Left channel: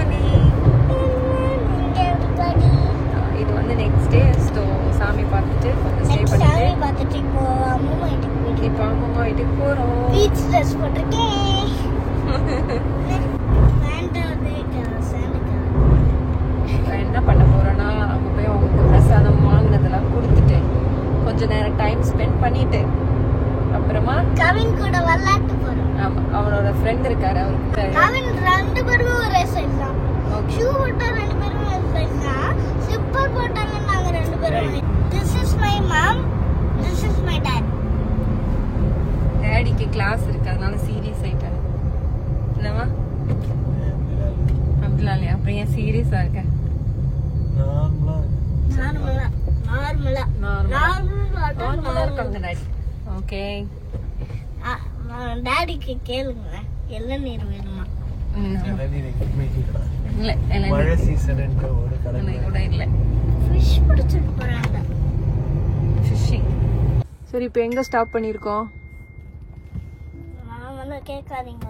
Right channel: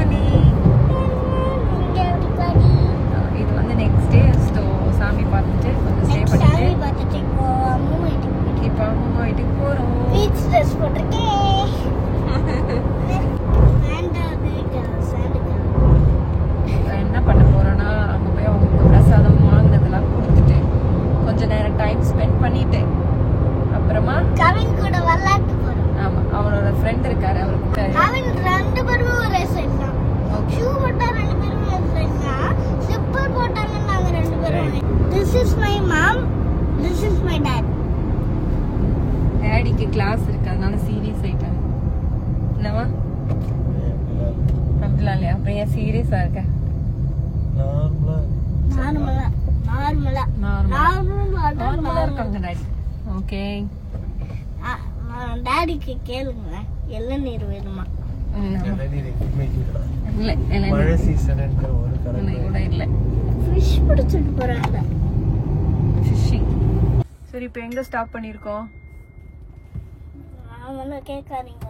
Morning. இது வந்து next day. சாமி பார்த்துட்டு கொஞ்சம் ஸ்டே பண்ணிட்டு இப்போ அம்மா வீட்டுக்கு போறோம். என்ன பண்ண போறோம்னா அங்க போய் அவங்களுக்கு பிரசாதம் வாங்கினதெல்லாம் கொடுத்துட்டு கொஞ்ச நேரம் டைம் ஸ்பெண்ட் பண்ணிட்டு அப்புறமா கவின் கூட விளையாட்டு போறோம். ஆமா, அவனோட ஃப்ரெண்ட் இருக்காரு, அவருக்கு கவின் ரெண்டு பேரும் ஒரே சைஸ் தான். ஷூ போட்டா ரெண்டு பேரும் ஒரே சைஸ் தான். ஸ்லிப்பர் போட்டாங்க நாங்க ரெண்டு பேரும். This is my mom, this is my dad. டாடிக்கு கிளாஸ் இருக்கு, அதனால சீரியஸ் ஆயிட்டாரு. என்னவா அப்படிலாம் இல்லையா? அப்புறம் ஏன் சீரியஸா இருக்க? நார்மலா இருக்காங்க டாடி. ஓகே, டாடிக்கு கேளுங்க, இளநீர் வேணுமா? மழை சீசன் கூட இல்ல. ஃபிஷ் பிடிச்சிட்டு போறாங்க. ஃபிஷிங். சரி, இப்போ எங்க ஸ்டாப் பண்ணிருக்கோம்? நான் கேட்காதீங்க,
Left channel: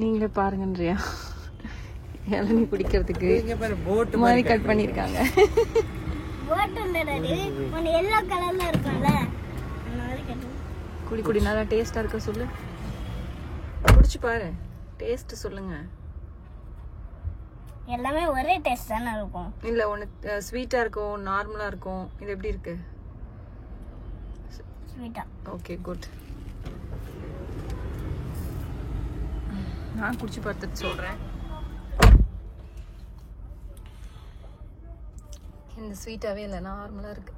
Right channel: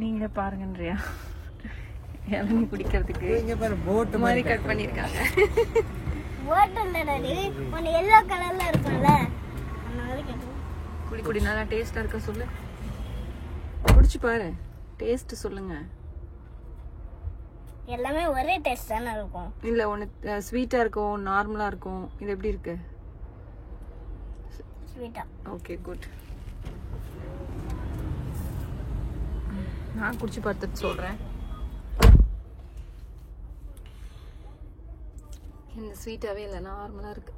நீங்களே பாருங்கன்றியா? இளநீ குடிக்கிறதுக்கு போட் மாதிரி கட் பண்ணிருக்காங்க. போட் இல்ல டாடி, ஒன்னு எல்லோ கலர்ல இருக்கும்ல, குடி குடி, நல்லா டேஸ்டா இருக்க சொல்லு. குடிச்சு பாரு, டேஸ்ட் சொல்லுங்க. எல்லாமே ஒரே டேஸ்ட் தானே இருக்கும். இல்ல, ஒன்னு ஸ்வீட்டா இருக்கும், நார்மலா இருக்கும். இது எப்படி இருக்கு? ஸ்வீட்டா. Okay, good. நான் குடிச்சு பார்த்துட்டு சொல்றேன். இந்த ஸ்வீட்டாவே இல்ல, நார்மலா இருக்கு.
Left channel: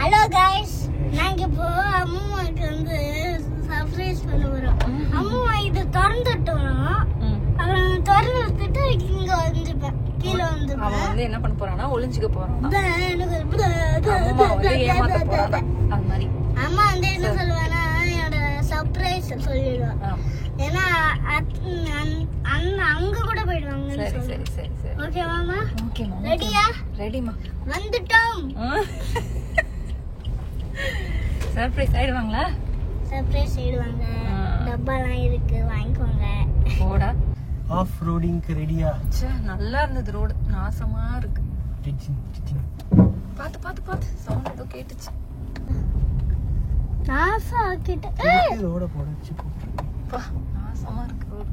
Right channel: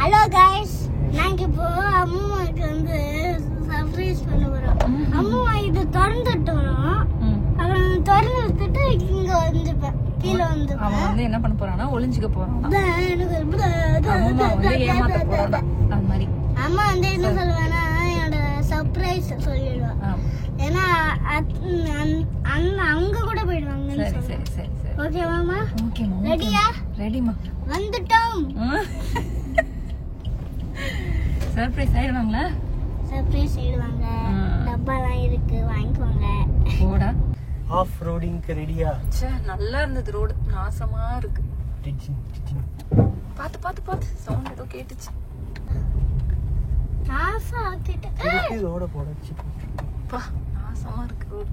ஹலோ गाइस, நாங்க இப்போ அம்மாக்கு வந்து சர்ப்ரைஸ் பண்ண போறோம். அம்மா இது திறந்துட்டோம். அவன் திறந்துட்டு இங்க வந்துப்பா, கீழ வந்து அவன் வந்து என்ன பண்ண போறானா, ஒளிஞ்சுக்க போறான். அம்மா வந்து ஏமாத்த போறான். அது மாதிரி அம்மா வந்து என்ன சொல்லுவானா, என்னோட சர்ப்ரைஸ் சொல்லிடுவான். ஏன்னா அங்க கூட போயிடுவாங்க. சரி சரி சரி சரி, ஓகேவாமா? ஓகேமா. ரெடியா? ரெடிமா. வந்துட்டோம். சர்ப்ரைஸ் ஆயிடுவாங்களா? சர்ப்ரைஸ் ஆயிடுவாங்க. டப்பாலாம் இருக்கு, வாங்கிக்கோங்க. போடா. ஆஃப் ரோடிங்க்கு ரெடியா? ச்சே, நல்லா இருந்தது ரோடு, நாசமா இருக்கு. பாத்து பாத்து பாத்து, சவுண்ட் ஏதோ கேட்டுச்சு. நாசா ஆக்கிட்டு ரோட போடுச்சு. பா, நாசமா இருக்கு ரோடு.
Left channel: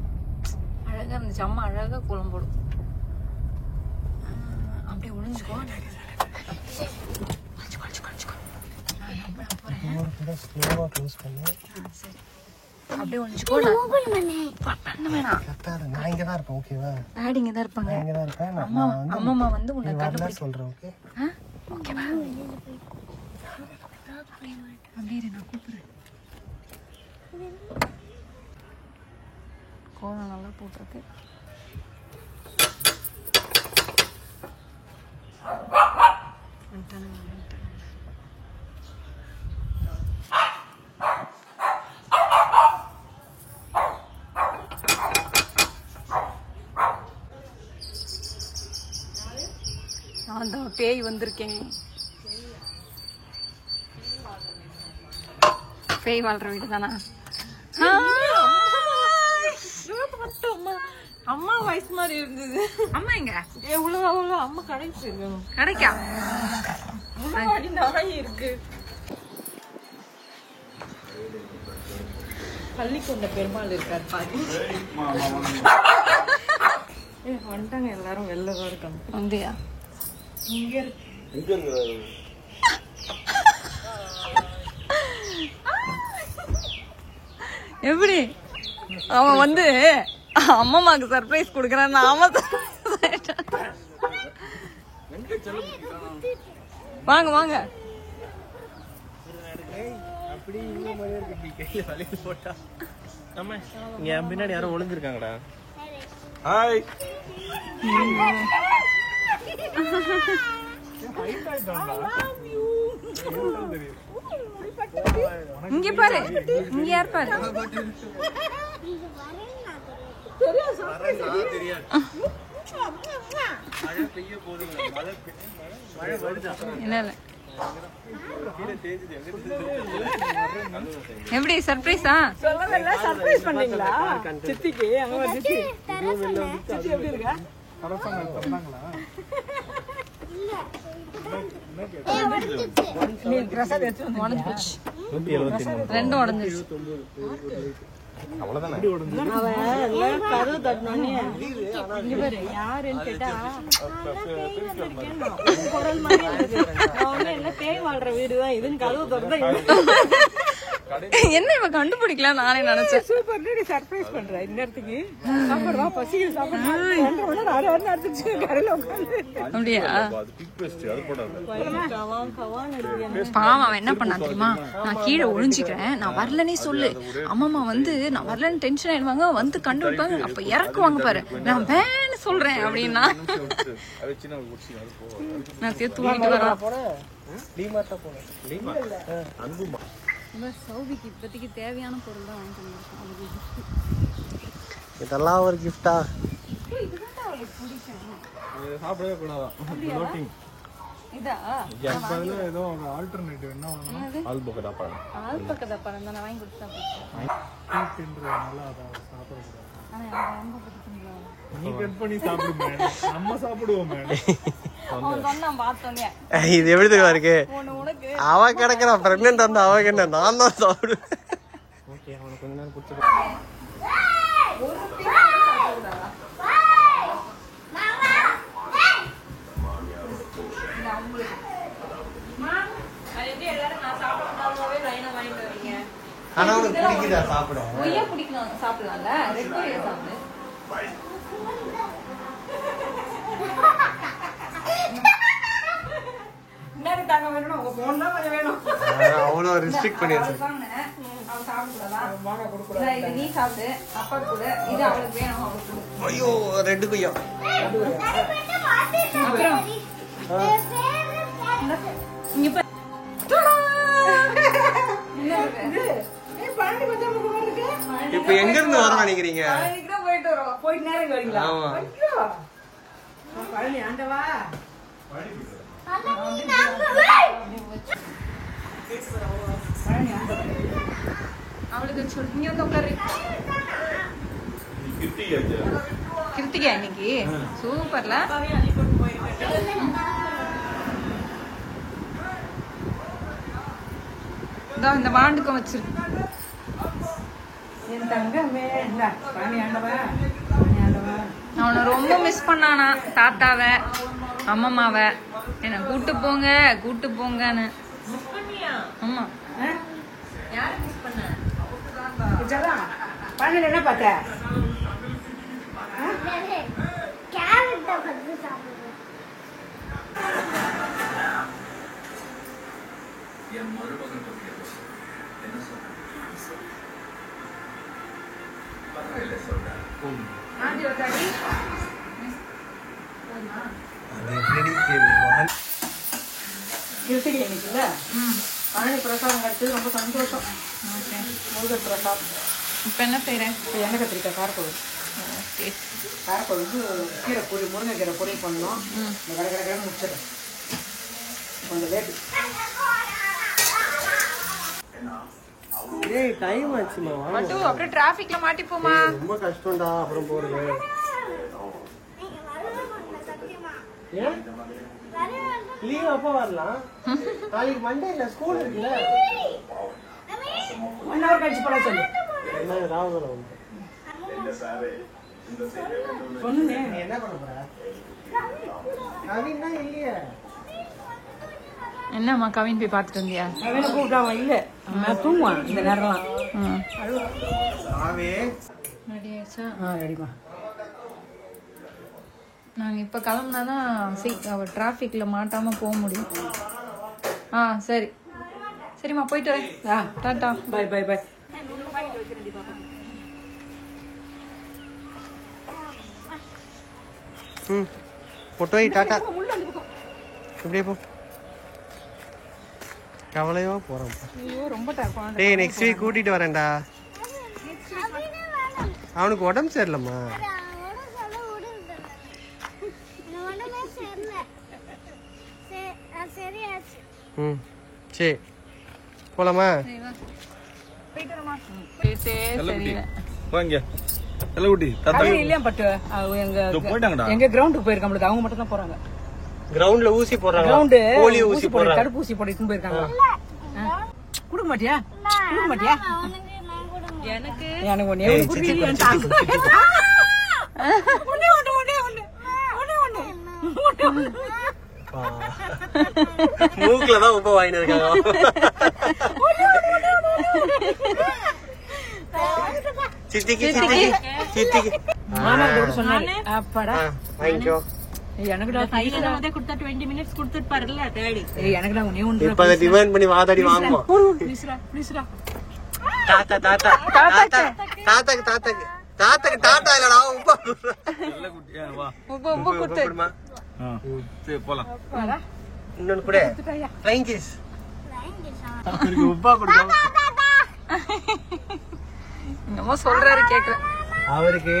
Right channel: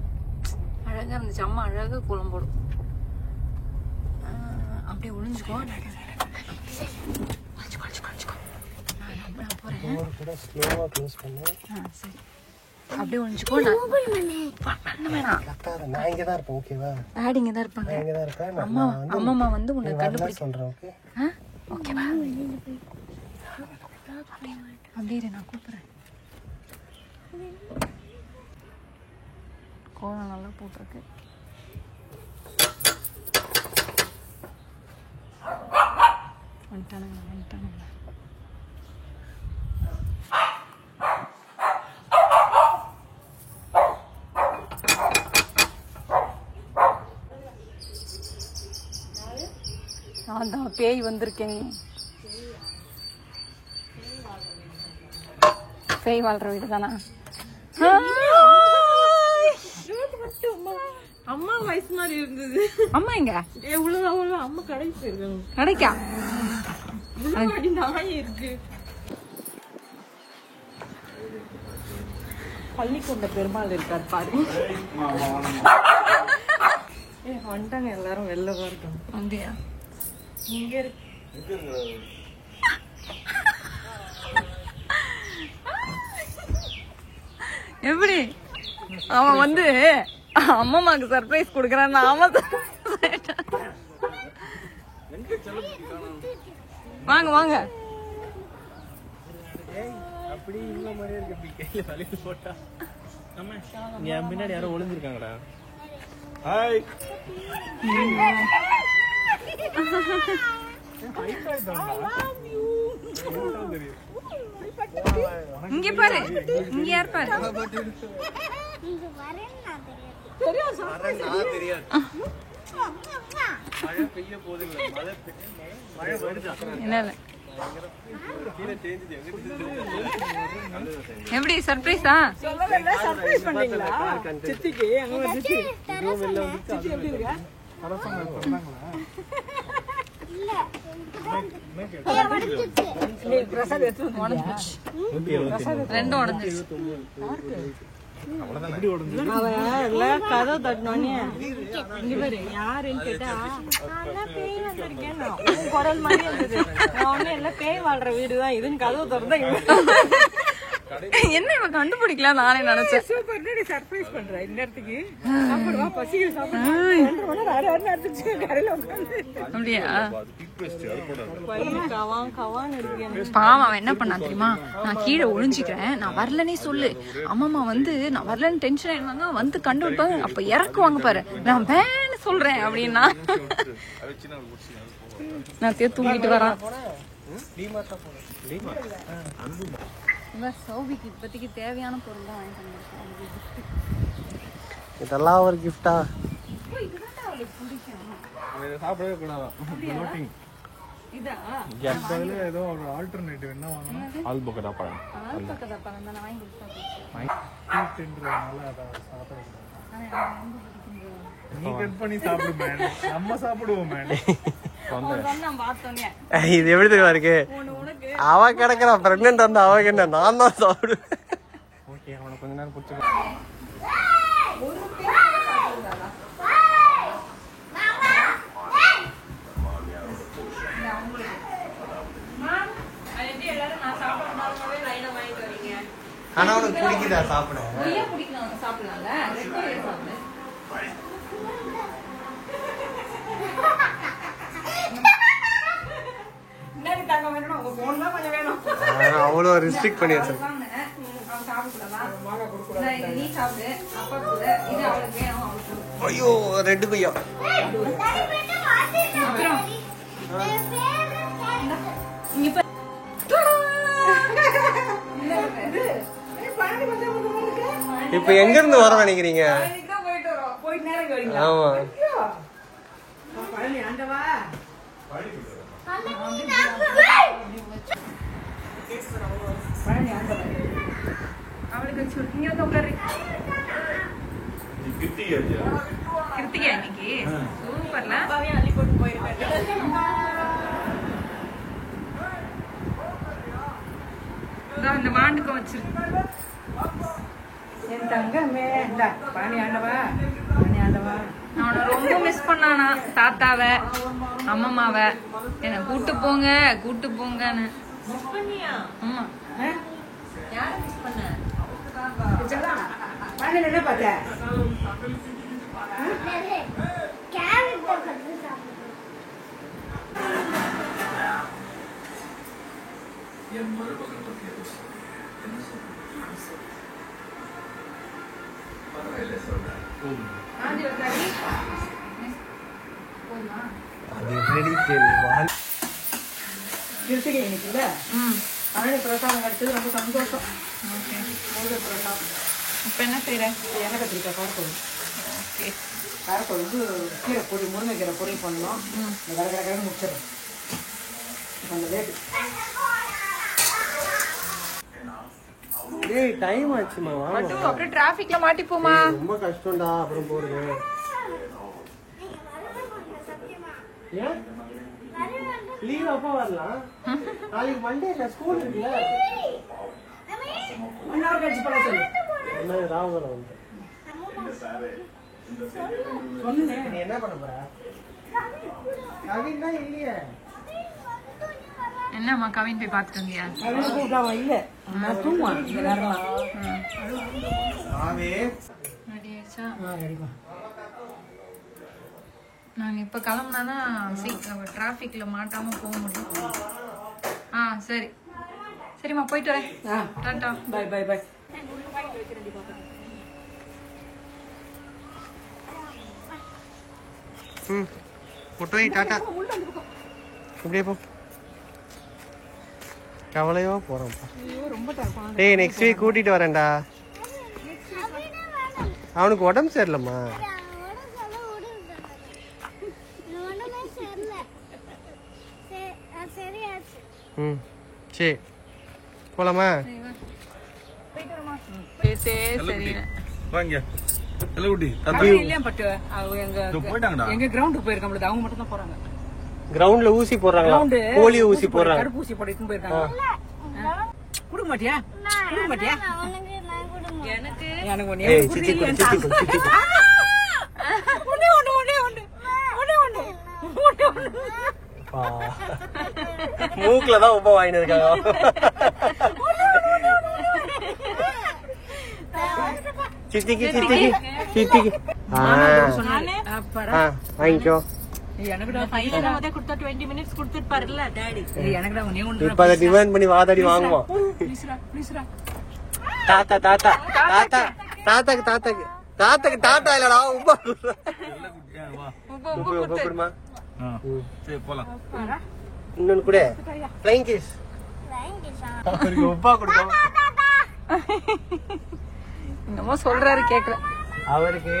அழகா இருந்துச்சு, அம்மா அழகா கோலம் போடும். அப்படியே ஒளிஞ்சுக்கோ. அப்படியே ஒளிஞ்சுக்கோ. பண்ண வேணாம், நான் இங்க தான் இருப்பேன். ஓகேவா? டாடி இங்க தான் இருப்பாங்க. இங்க தான் இருப்பேன். அம்மா வந்து உன்னை கண்டுபிடிச்சு சொல்றேன். ஓகே, ஓகேவா? அப்படியே நான் கூப்பிடுறேன். கோலம் நல்லா போட்டிருக்கு. வந்துட்டானுங்க வந்துட்டானுங்க. நான் தான் பேய் வந்திருக்கேங்க. பேய் வாழ்ற வீடு தானா? அம்மா வயசு மாதிரி இருந்தது. அம்மா எங்க? எவ்வளவு அம்மா கடைக்கு போயிருக்காங்க. கடைக்கா? முன்னாடி நாய் இருக்கு. பள்ளிக்கொண்ட பெருமாள் இருக்காரு பாரு. வந்துட்டாங்க எல்லாரும், வெளிலதான் இருக்காங்க. வந்தியா? இங்க எப்படி அவன் வந்து அம்மாக்கு சர்ப்ரைஸ் கொடுக்கறான். வாங்க வாங்க. அப்படி இந்த மாதிரியே இருக்கு. கையில வலிக்கு போட்டா அம்மா, இங்க என் பின்னாடி யாரோ ஒளிஞ்சிருக்காங்கடா. ஹாய். இங்க பாரு, இங்க யார் பாரு. என்ன எப்படி சர்ப்ரைஸா? ரெண்டும் உடஞ்சிருச்சு. யாருன்னு கேட்டா பேய் வந்திருக்கேன் குரல் மாதிரி இருந்தது. நான் எல்லாம் பேய் வாழ்ற வீடுதான் இதுன்னு கதவு திறந்தா என்ன இவ கண்டுபிடிக்கலாம் நானே நினைச்சேன். சர்ப்ரைஸ் பண்றேன் இந்த இடத்துக்கு. அப்படியா? பாவம் அவன் என்ன பண்ணான் தெரியுமா? நான் கீழே ஒழிஞ்சுக்கிறேன், நான் வரலன்னே சொல்லு, அம்மா வந்து நான் வரலன்னு டென்ஷன் ஆயிடுவாங்க, வந்து கண்டுபிடிப்பாங்க, அப்ப இறக்குவாங்க பாரு, நான் வேன்னு சொல்றேன் அப்படின்னா நான் தூக்கிட்டு வரான். சௌபிக்கு இப்போதைக்கு தேவையான பொருள் தான் வாங்கிட்டு வந்திருக்கேன். அதுக்கு கிஃப்ட். இதெல்லாம் ஒரு கிஃப்டா? இதுதான் அவளுக்கு பிடிக்கும். சாப்பிடவே கூடாதான். இதா? ஏதோ ஒரு ஆல்டர்னேட்டிவ் என்ன வாங்கணும்? ஆல்பகடா பழம். ஆல்பகடா பழம் தான் வாங்கி கொடுத்தேன். நீ கட் பண்ணி சாப்பிடுமே, நம்ம சாப்பிடுவோம். இது எப்படி தெரியுமா இருக்கு? அவ கிடக்குறா பிரெக்னன்ட் வந்து அவ என்ன நான் தான் சாப்பிடுவேன். ஓகே, அவனை கொஞ்ச நேரம் கொடுத்து. ஆனா உனக்கு பிடிக்குதா சாப்பிட? சாப்பிடலாம்ல. அவ்வளோ ரெஸ்ட்ரிக்ட் பண்ணி வச்சிருக்கேன். ஐயோ ரெண்டு கொய்யா. இப்ப எங்க இருந்து வர நினைக்கிறீங்க? ஆமா, அவளுக்கு இங்க வந்து உட்காரு. கிருத்திகா இன்னைக்கு சூப்பர்ல. அள்ளி போட்டு போயிருக்கேன். இந்த மாண்டுக்கும் வச்சிரு. அவனை ரொம்ப மிஸ் பண்ணானா தாத்தாவ அம்மம்மாவ. என்ன கூட்டு போங்க கூட்டு போங்கன்னு. ஆமா, என்ன பார்த்த? பிரசாதம் கட்டு ரொம்ப சந்தோஷம். இப்ப என்ன செய்யறேன்? எண்ணெய் கத்திரிக்காய் காரக்குழம்பு. ஓகே, காரக்குழம்பு கீரை பொரி, முருங்கைக்கீரை பொரியல் பண்ணணும். இந்த கடற்கரை முடிச்சிடறேன். கொஞ்சம் லேட்டு. ஏய் டைம் ஆச்சுமா. பட்டு அப்புறம் டிராபிக்ல மாட்டிப்போமா? ரொம்ப கஷ்டம்டா அப்புறம் போறது. ஏன் லீவ் அப்போ வரலாம்? நாளைக்கு மண்டே இல்ல, ஸ்கூல் இருக்குல்ல. 1 hour கழிச்சு போல சொல்லு. என்ன ராவணம் வந்து சொன்னே. நீ என்ன பண்ண போற? கவின் தான் இல்லையே. என்னம்மா கவின் போய் பாத்துட்டு வந்தியா? கவினை கூப்பிட்டாவா? இல்ல, நான் தூங்குவான் இந்த நேரம். ஆவே ரெடி ஆயிடுச்சா? ரெடிமா. நாங்க இப்ப கிளம்புனாதான் அவ டிராபிக்ல மாட்டாம போக முடியும். சரி சரிம்மா, போயிட்டு வரேன். Tata. Bye bye bye. Photo tata. இப்படியே போ. கவலையோ போறோம். டேய் நெக்ஸ்ட் வீக் கூட்டிட்டு வரேன்டா. அவனுக்கு உடம்பு சரியில்லம்மா. ம் சரி போலாமா? வாங்க எல்லாம் ஊட்டி தத்து இல்லையா பட் போயிட்டாங்கடா. எங்க கிரவுண்டுக்கு போயிருக்காங்க, அவங்க மட்டும் தான் போறாங்க. கிரவுண்ட்ல ஊசி போடுறாங்க, கிரவுண்டு போலியோ ஊசி போடுறாங்க. தடுப்பூசி போட்டுட்டு போயிருக்காங்க. கொடுக்க மாட்டியா? கொடுக்க மாட்டியா? எனக்கு ஒண்ணே மூக்குல தான் உப்ப வாங்கிட்டு இருக்காங்க. சித்திக்கு சித்திக்கு சித்திக்கு வாங்கிக்கோ. இப்ப அதை டிமாண்ட் பண்ணி வாதாடி வாங்குவோம். தாத்தா தாத்தா தாத்தா தாத்தாக்கு தாத்தாக்கு தாத்தாக்கு தாத்தா இல்லடா உப்பா உப்பு உப்பு குடுமா. சரி போலாம். இன்னொன்னு கூட ஃப்ளைங் கிஸ் உப்பா கொடுங்க. என்னமோ சொல்றாரு கேக்குறேன். அவருக்கு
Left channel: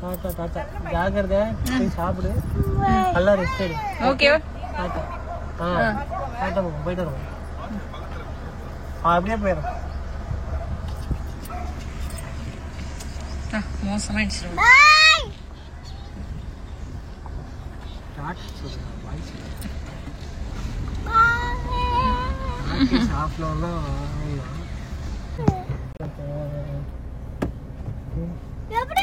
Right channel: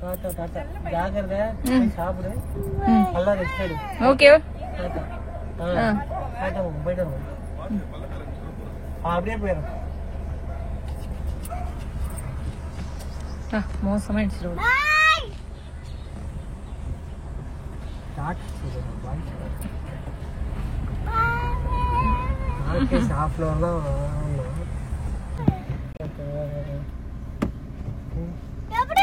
தாத்தா தாத்தா ஜாகிரதை, சாப்பிடு, நல்லா ரெஸ்ட் எடு. ஓகே போயிட்டு அப்படியே போயிடும். மோசமாயிடுச்சு. எப்படி